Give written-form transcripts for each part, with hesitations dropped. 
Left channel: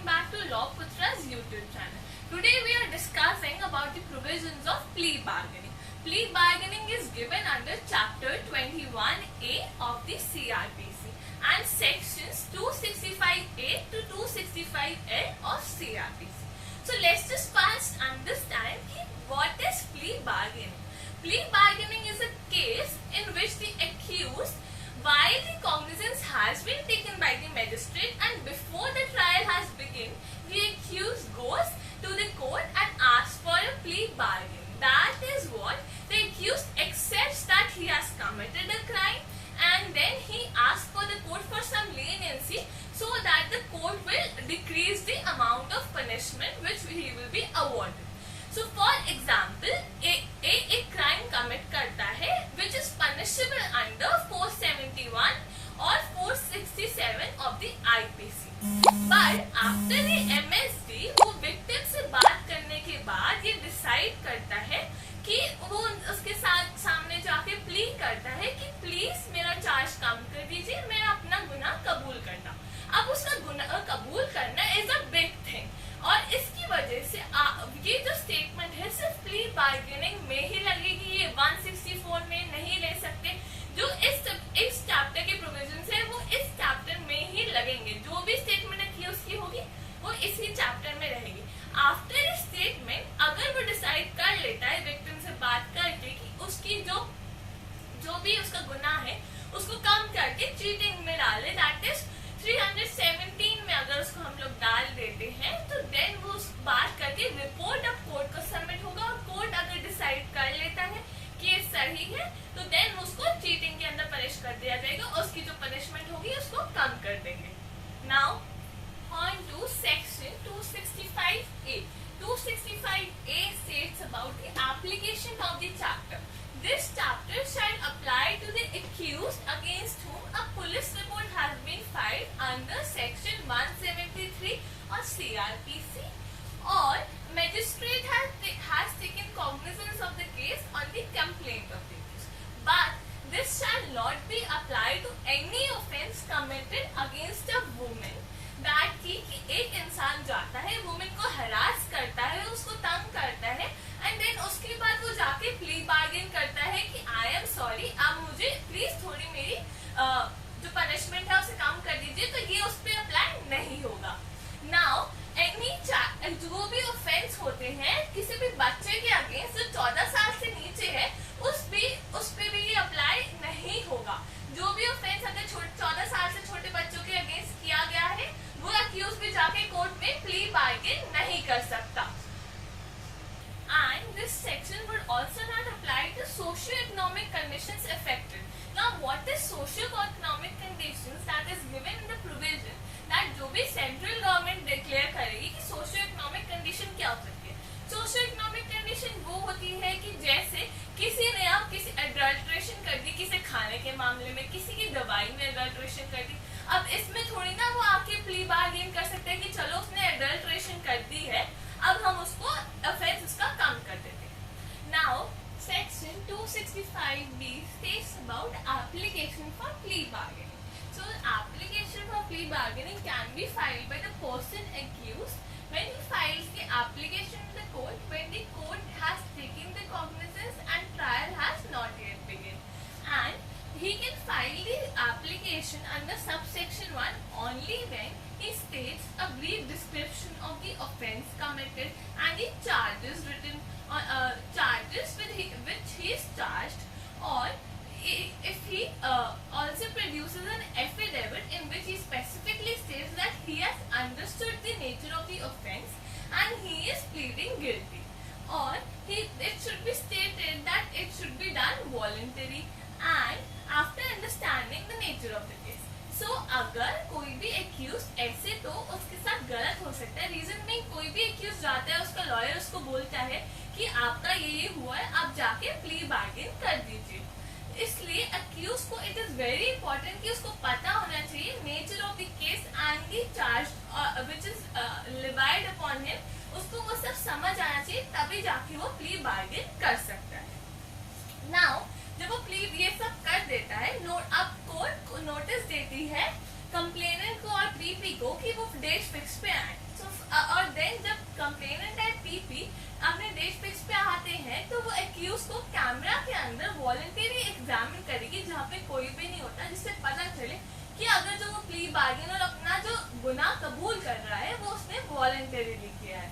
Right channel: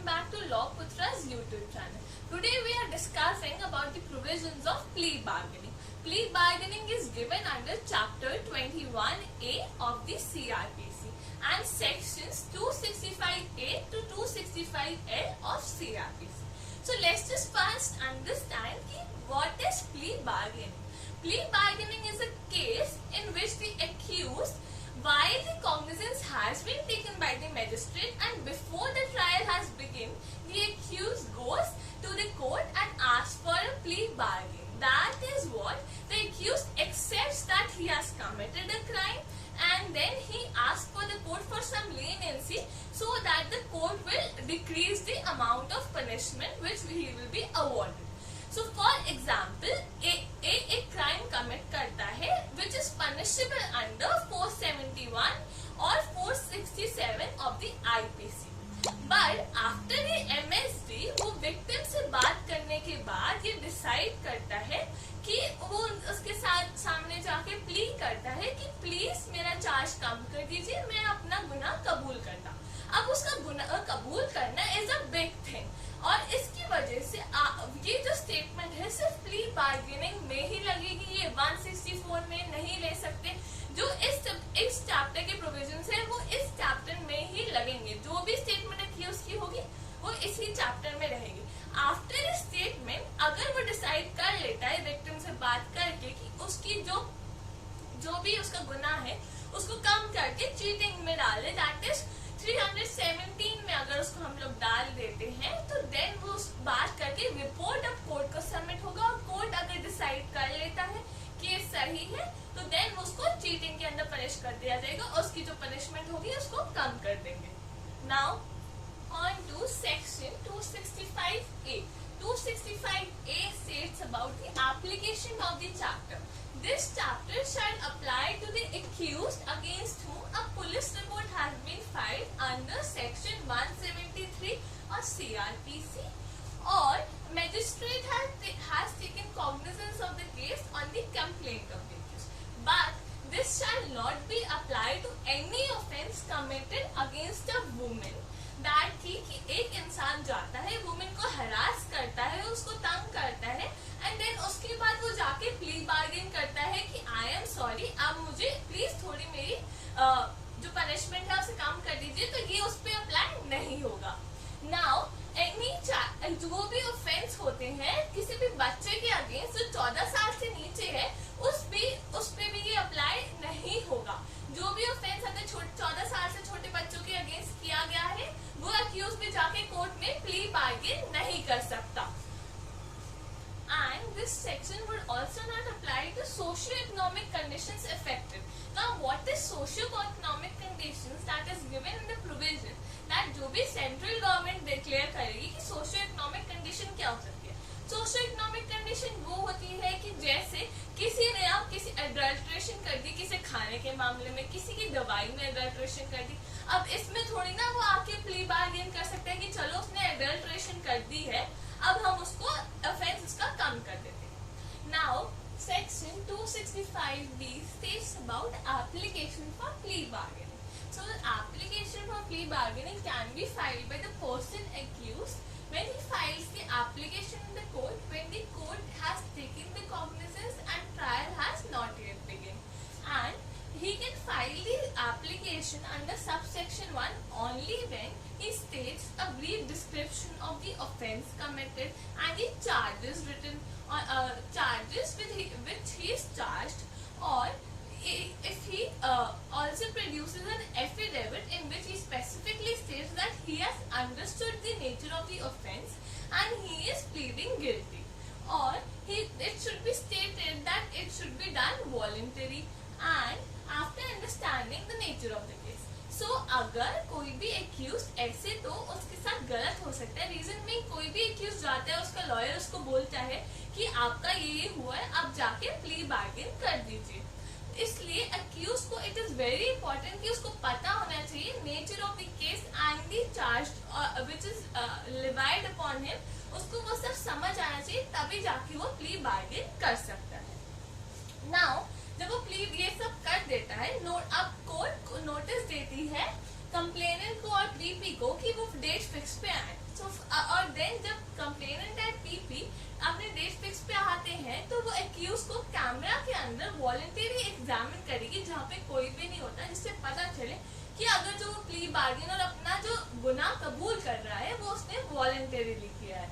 welcome back to Law Putra's YouTube channel. Today we are discussing about the provisions of plea bargaining. Plea bargaining is given under Chapter 21A of the CRPC and Sections 265A to 265L of CRPC. So let's just first understand what is plea bargaining. Plea bargaining is a case in which the accused, while the cognizance has been taken by the magistrate and before the trial has begun, the accused goes to the court and asks for a plea bargain. That is what the accused accepts that he has committed a crime, and then he asks for the court for some leniency so that the court will decrease the amount of punishment which he will be awarded. So for example, a crime commit करता है which is punishable under 471 or 467 of the IPC. But after the MSD वो victim से बात करने के बाद ये decide करता है कि वो उसके साथ सामने जाके प्ली करता है कि प्लीज मेरा चार्ज कम कर दीजिए, मैं अपना गुनाह कबूल करता हूँ. अब उसका गुनाह कबूल करना इज अ बिग थिंग और इसकी वजह से ये जो स्टेटमेंट है सिर्फ प्ली बार्गेनिंग में ही लगेगी, ये 164 में नहीं ले सकते. जो इस चैप्टर के प्रोविजन है वो इस चैप्टर में ही लगेंगे. जो भी स्टेटमेंट एक्यूज की होगी वो इसी चैप्टर में रहेगी. आफ्टर स्टेटमेंट अगर वो डिसाइड कर लेता है विक्टिम से बात करके कि उसकी जो भी उसका गुनाह है उसको कम करके चीटिंग में डाले, दैट इज 317 में अगर उसको हम लोग डाल देते हैं तो देन वो उस बात करके रिपोर्ट अब कोर्ट को सबमिट होगा और कोर्ट अगर डिसाइड कर लेता है कि ये सही है तो देन उसको चीटिंग के अंदर पनिश कर दिया जाएगा और उसकी जो पनिशमेंट होगी उसको कम कर देंगे. Now on to section 265A. 265A states about the application of the chapter. This chapter shall apply to the accused against whom a police report has been filed under section 173 or CRPC or magistrate has taken cognizance of the case on the complaint of the accused. But this shall not be applied to any offence committed against a woman. That कि एक इंसान जाता है women को harass करता है, उसको तंग करता है एंड देन उसके बाद वो जाके प्ली बार्गेन करता है कि आई एम सॉरी, अब मुझे प्लीज थोड़ी मेरी जो पनिशमेंट है उसे कम कर दीजिए, तो ये उस पर अप्लाई नहीं होगा. नाउ जो भी ऑफेंस होते हैं किसी भी बच्चे के अगेंस्ट जो 14 साल से नीचे है उस पे भी ये अप्लाई नहीं होगा. जो भी ऑफेंस अगर 14 साल से छोटे बच्चों के अगेंस्ट किया गया है वो अक्यूज भी जाके कोर्ट में प्ली बार्गेन नहीं कर सकता. And this section would also not apply to socio-economic conditions affected. Now, what is socio-economic conditions that is given in the provision that जो भी central government declare करेगी कि socio-economic condition क्या हो सकती है. सोशियो-इकोनॉमिक कंडीशन वो होती है कि जैसे किसी ने आप किसी एडल्ट्रेशन कर दी, किसी खाने के मामले में, किसी की दवाई में एडल्ट्रेशन कर दी. अब इसमें थोड़ी ना वो आके प्ली बार्गेन कर सकते हैं कि चलो उसने एडल्ट्रेशन कर दी है अब हम उसको ऑफेंस उसका कम कर देते हैं. Now section 265B states about application for plea bargaining. So application for plea bargaining can be filed by the person accused when he files the application in the court when the court has taken the cognizance and trial has not yet begun. And he can file the application under subsection 1 only when he states a brief description of the offence committed and the charges written charges with which he is charged, or if he also produces an affidavit in which he specifically states that he has understood the nature of the offence and he is pleading guilty, or it should be stated that it should be done voluntarily and after understanding the nature of the case. So अगर कोई भी accused ऐसे तो उसके साथ गलत हो सकता है. रीजन में कोई भी accused जाता है उसका लॉयर उसको बोलता है कि आपका ये हुआ है, आप जाके प्ली बार्गेन कर दीजिए. इसलिए अक्यूज को इट इज वेरी इंपॉर्टेंट कि उसको पता होना चाहिए nature of the case and the charge which is levied upon him. उसको वो सब समझ आना चाहिए तभी जाके वो प्ली बार्गेन कर सकता है. नाउ जब वो प्ली ये सब कर देता है अब कोर्ट को नोटिस देती है कंप्लेनेंट को और पीपी को कि वो डेट फिक्स पे आए. और देन जब कंप्लेनेंट है पीपी अपने डेट फिक्स पे आते हैं तो वो एक्यूज को कैमरा के अंदर वॉलंटरी एग्जामिन करेगी जहाँ पे कोई भी नहीं होता, जिससे पता चले कि अगर जो वो प्ली बार्गेन और अपना जो गुनाह कबूल कर रहा है वो उसने वॉलंटरीली किया है।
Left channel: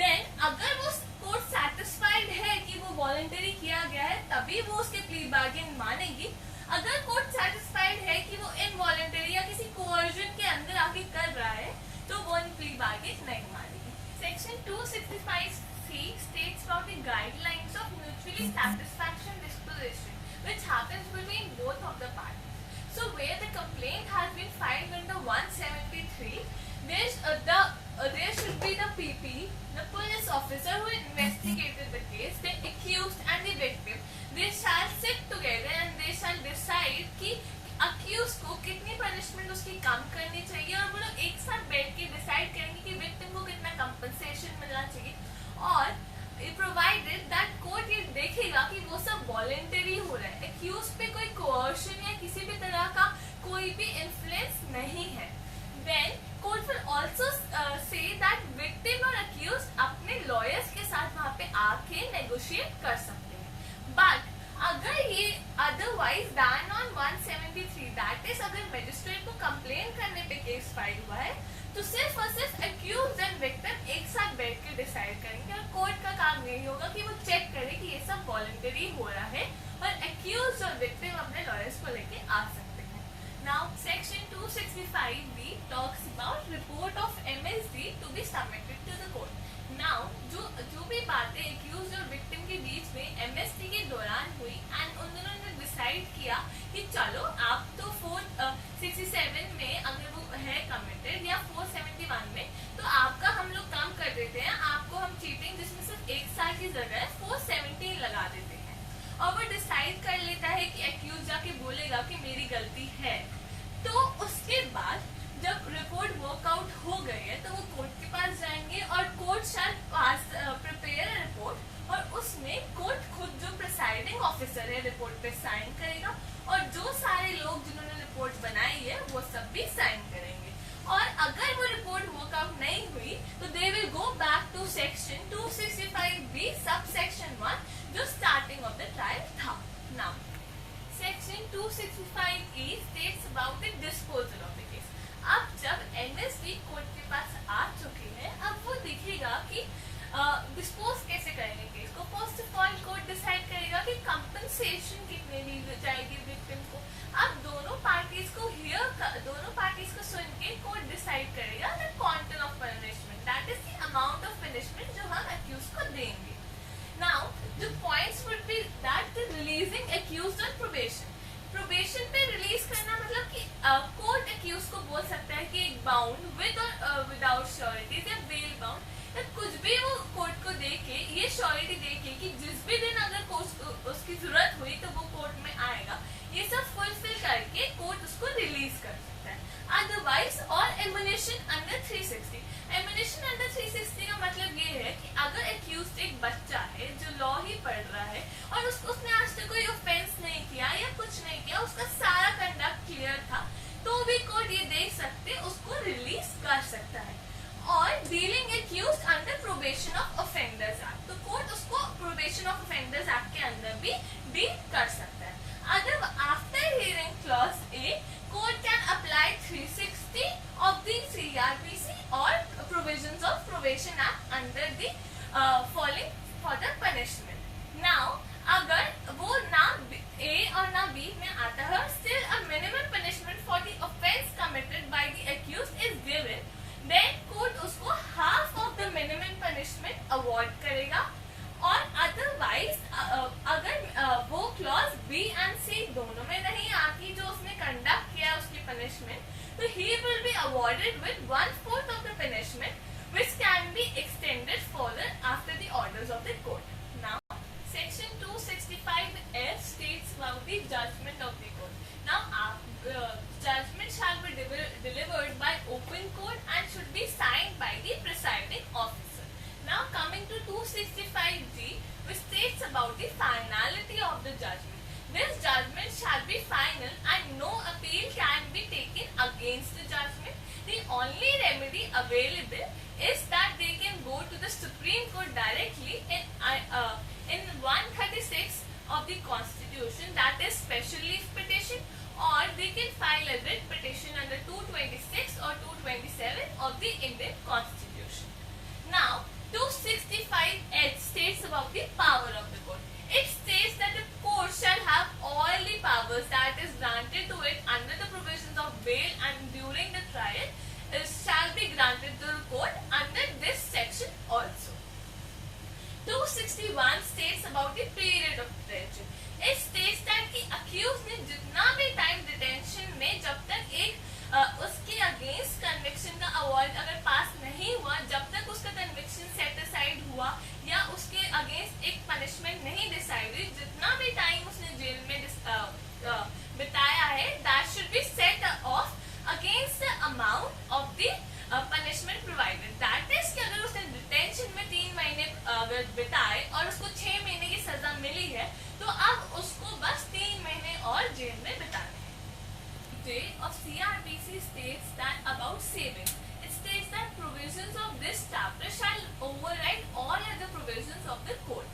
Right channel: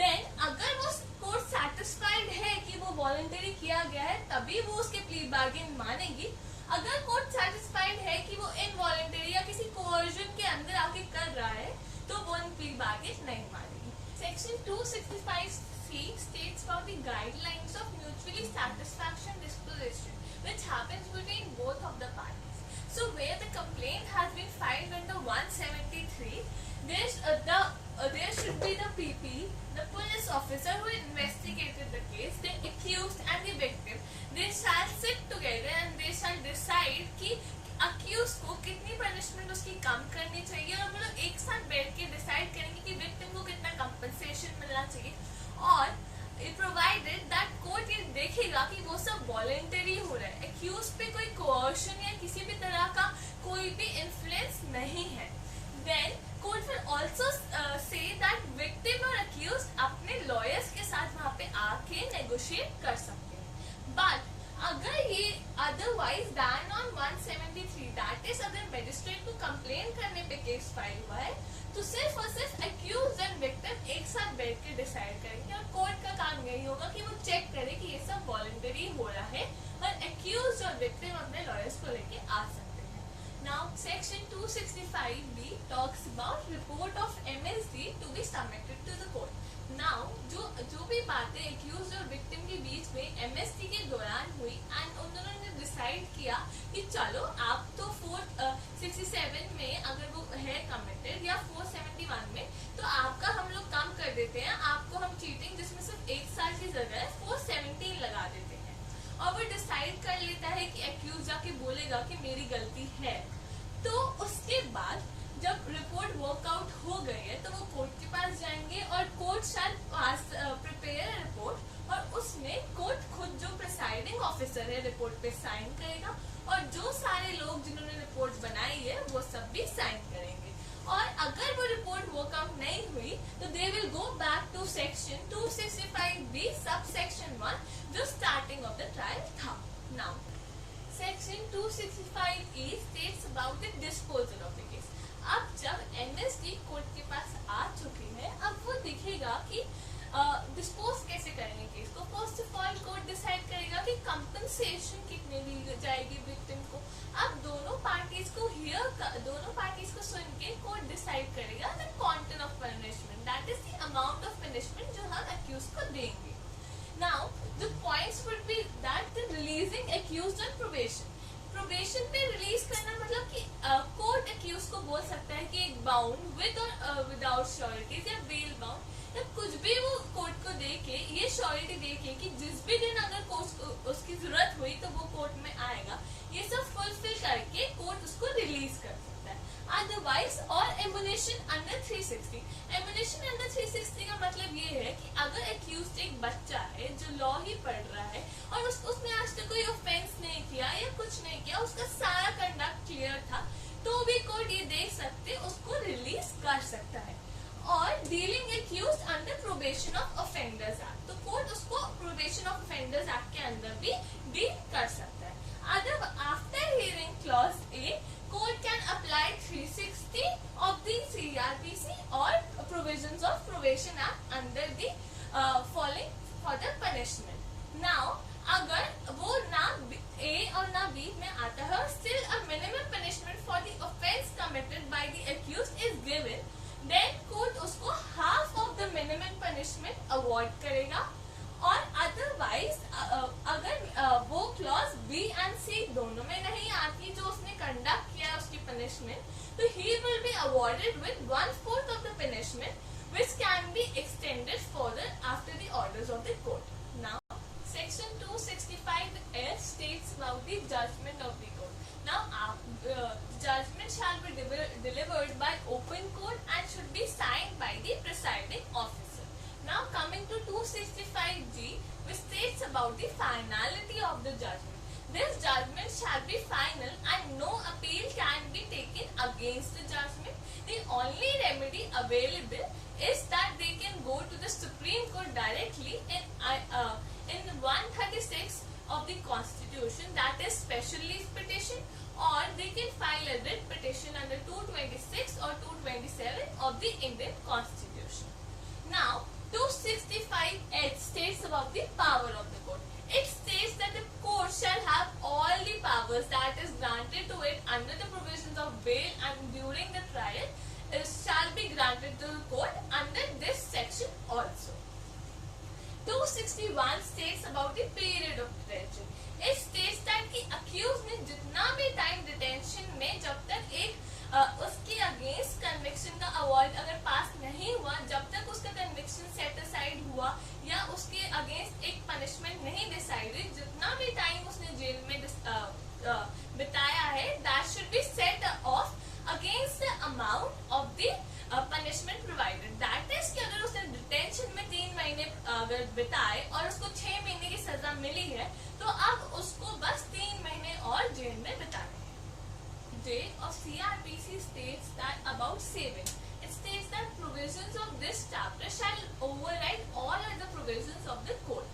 देन अगर वो कोर्ट सेटिस्फाइड है कि वो वॉलंटरी किया गया है तभी वो उसके प्ली बार्गेन मानेगी। अगर कोर्ट सेटिस्फाइड है कि वो इनवॉलंटरी या किसी कोअर्जन के अंदर आके कर रहा है तो वो प्ली बार्गेन नहीं मानेगी। Section 265C states about the guidelines of mutually satisfaction disposition which happens between both of the parties. So where the complaint has been filed under 173, there should be the PP, the police officer who investigated the case, the accused and the victim. They shall sit together and they shall decide कि accused को कितनी punishment उसकी कम करनी चाहिए और वो लोग एक साथ बैठ के डिसाइड करेंगे कि विक्टिम को कितना कंपनसेशन मिलना चाहिए। और प्रोवाइडेड दैट कोर्ट ये देखेगा कि वो सब वॉलेंटरी हो रहा है, एक्यूज पे कोई कोअर्शन या किसी भी तरह का कोई भी इन्फ्लुएंस नहीं है। Then court will also say that victim और एक्यूज अपने लॉयर्स के साथ वहां पे आके नेगोशिएट कर सकते हैं। बट अगर ये otherwise than on 173 that is अगर मजिस्ट्रेट को कंप्लेन करने पे केस फाइल हुआ है तो सिर्फ और सिर्फ एक्यूज एंड विक्टिम एक साथ बैठ के डिसाइड करेंगे और कोर्ट का काम यही होगा कि वो चेक करे कि ये सब वॉलंटरी हो रहा है और एक्यूज और विक्टिम अपने लॉयर्स को लेके आ सकते हैं। Now section 265B talks about report of MSD to be submitted to the court. Now जो भी बातें एक्यूज और विक्टिम के बीच में MSD के दौरान हुई एंड उन दोनों ने डिसाइड किया कि चलो आप तो 467 में अगर वो है कमिटेड या 471 में तो आपका हम लोग कम कर देते हैं, आपको हम चीटिंग जिसमें सिर्फ 1 साल की जगह 417 लगा देते हैं। और वो डिसाइड कर लेता है कि एक्यूज जाके बोलेगा कि मेरी गलती है। तो उसके बाद जब रिपोर्ट वर्कआउट हो गई है तो वो कोर्ट के पास जाएंगे और कोर्ट शायद प्रिपेयर रिपोर्ट और उसमें कोर्ट खुद जो प्रिसाइडिंग ऑफिसर है रिपोर्ट पे साइन करेगा और जो सारे लोग जिन्होंने रिपोर्ट बनाई है वो सब भी साइन करेंगे। और अगर वो रिपोर्ट वर्कआउट नहीं हुई तो they will go back to section 265B sub section 1 जो स्टार्टिंग ऑफ द ट्रायल था। Now section 265E states about the disposal of the case. अब जब MSD कोर्ट के पास आ चुकी है अब वो दिखेगा कि डिस्पोज कैसे करेंगे केस को। First of all court decide करेगा कि कंपनसेशन कितने दी जाएगी विक्टिम को। अब दोनों पार्टीज को सुन के कोर्ट डिसाइड करेगा the quantum of punishment that is the amount of punishment जो हम एक्यूज को देंगे। Now the points would be that the releasing accused on probation पे रिलीज करना मतलब कि कोर्ट एक्यूज को बोल सकता है कि एक बाउंड विद और विदाउट श्योरिटीज या बेल बाउंड या कुछ भी वो कोर्ट को दे के ये श्योरिटी दे के कि जिस भी दिन अगर उसकी जरूरत हुई तो वो कोर्ट में आएगा, ये सब फुलफिल करके कोर्ट उसको रिलीज कर सकता है। अदरवाइज और एमुनेशन अंडर 360। एमुनेशन अंडर 360 का मतलब ये है कि अगर एक्यूज एक बच्चा है जो लॉ ही पढ़ रहा है और उसने आज तक कोई ऑफेंस नहीं किया या कुछ नहीं किया, उसका सारा कंडक्ट क्लियर था, तो भी कोर्ट ये देख सकते उसको रिलीज कर सकता है। और dealing accused under probation of offenders act, तो कोर्ट उसको प्रोबेशन ऑफ ऑफेंडर्स एक्ट के अंदर भी डील कर सकता है। Other after hearing clause A, court can apply 360 of the CRPC or provisions of Probation Act under the falling for the punishment. Now, अगर वो ना A और ना B में आता है, still a minimum punishment for the offence committed by the accused is given, then court उसको half of the minimum punishment award करेगा। और अदरवाइज अगर वो क्लॉज B एंड C दोनों में नहीं आती जो उसने कंडक्ट किया उसकी पनिशमेंट, तो he will be awarded with 1/4 of the punishment which can be extended further after the orders of the court. Now, section 265S states about the judgment of the court. Now, judgment shall be delivered by open court and should be signed by the presiding officer. Now coming to 265G, which states about the finality of the judgment. This judgment shall be final and no appeal can be taken against the judgment. The only remedy remedy available is that they can go to the Supreme Court directly in 136 of the Constitution, that is special leave petition, or they can file a writ petition under 226 or 227 of the Indian Constitution. Now 265H states about the power of the court. It states that the court shall have all the powers that is granted to it under the provisions of bail and during the trial shall be granted to the court under this section also. 261 states about the period of detention. It states that कि accused ने जितना भी time detention में जब तक एक उसके against conviction का अवार्ड अगर पास नहीं हुआ, जब तक उसका कन्विक्शन सेट असाइड हुआ या उसके अगेंस्ट एक पनिशमेंट नहीं डिसाइड हुई, जितना भी टाइम उसने जेल में बिताया है, that should be set of against the amount of the punishment provided. That is कि अगर उसने डिटेंशन में 3 महीने बिताए और उसको 6 महीने की सजा मिली है, तो अब उसको बस 3 महीने और जेल में बिताने हैं. J of CRPC states that about saving. It states that provisions of this chapter shall override all other provisions of the code.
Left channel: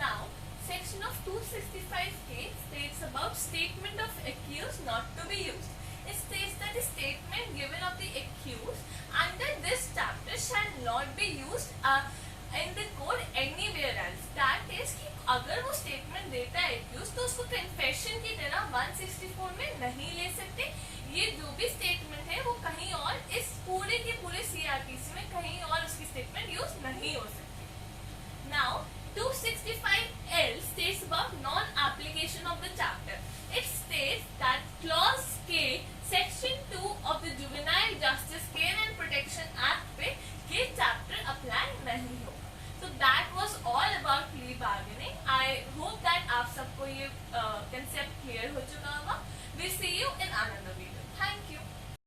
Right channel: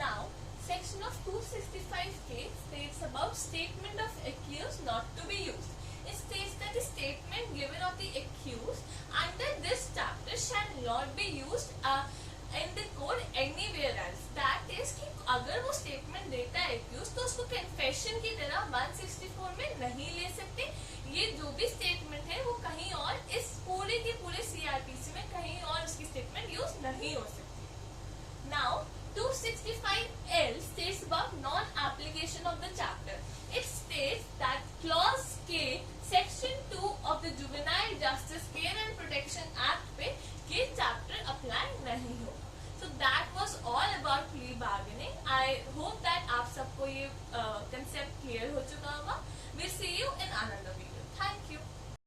Now, section of 265K states about statement of accused not to be used. It states that the statement given of the accused under this chapter shall not be used in the code anywhere else. That is कि अगर वो statement देता है accused, तो उसको confession की तरह 164 में नहीं ले सकते. ये जो भी स्टेटमेंट है वो कहीं और इस पूरे के पूरे CRPC में कहीं और उसकी स्टेटमेंट यूज नहीं हो सकती. Now 265L states about non-application of the chapter. It states that clause K section 2 of the Juvenile Justice Care and Protection Act पे ये chapter apply नहीं होगा. So that was all about plea bargaining. I hope that आप सबको ये concept clear हो चुका होगा. We'll see you in another video. Thank you.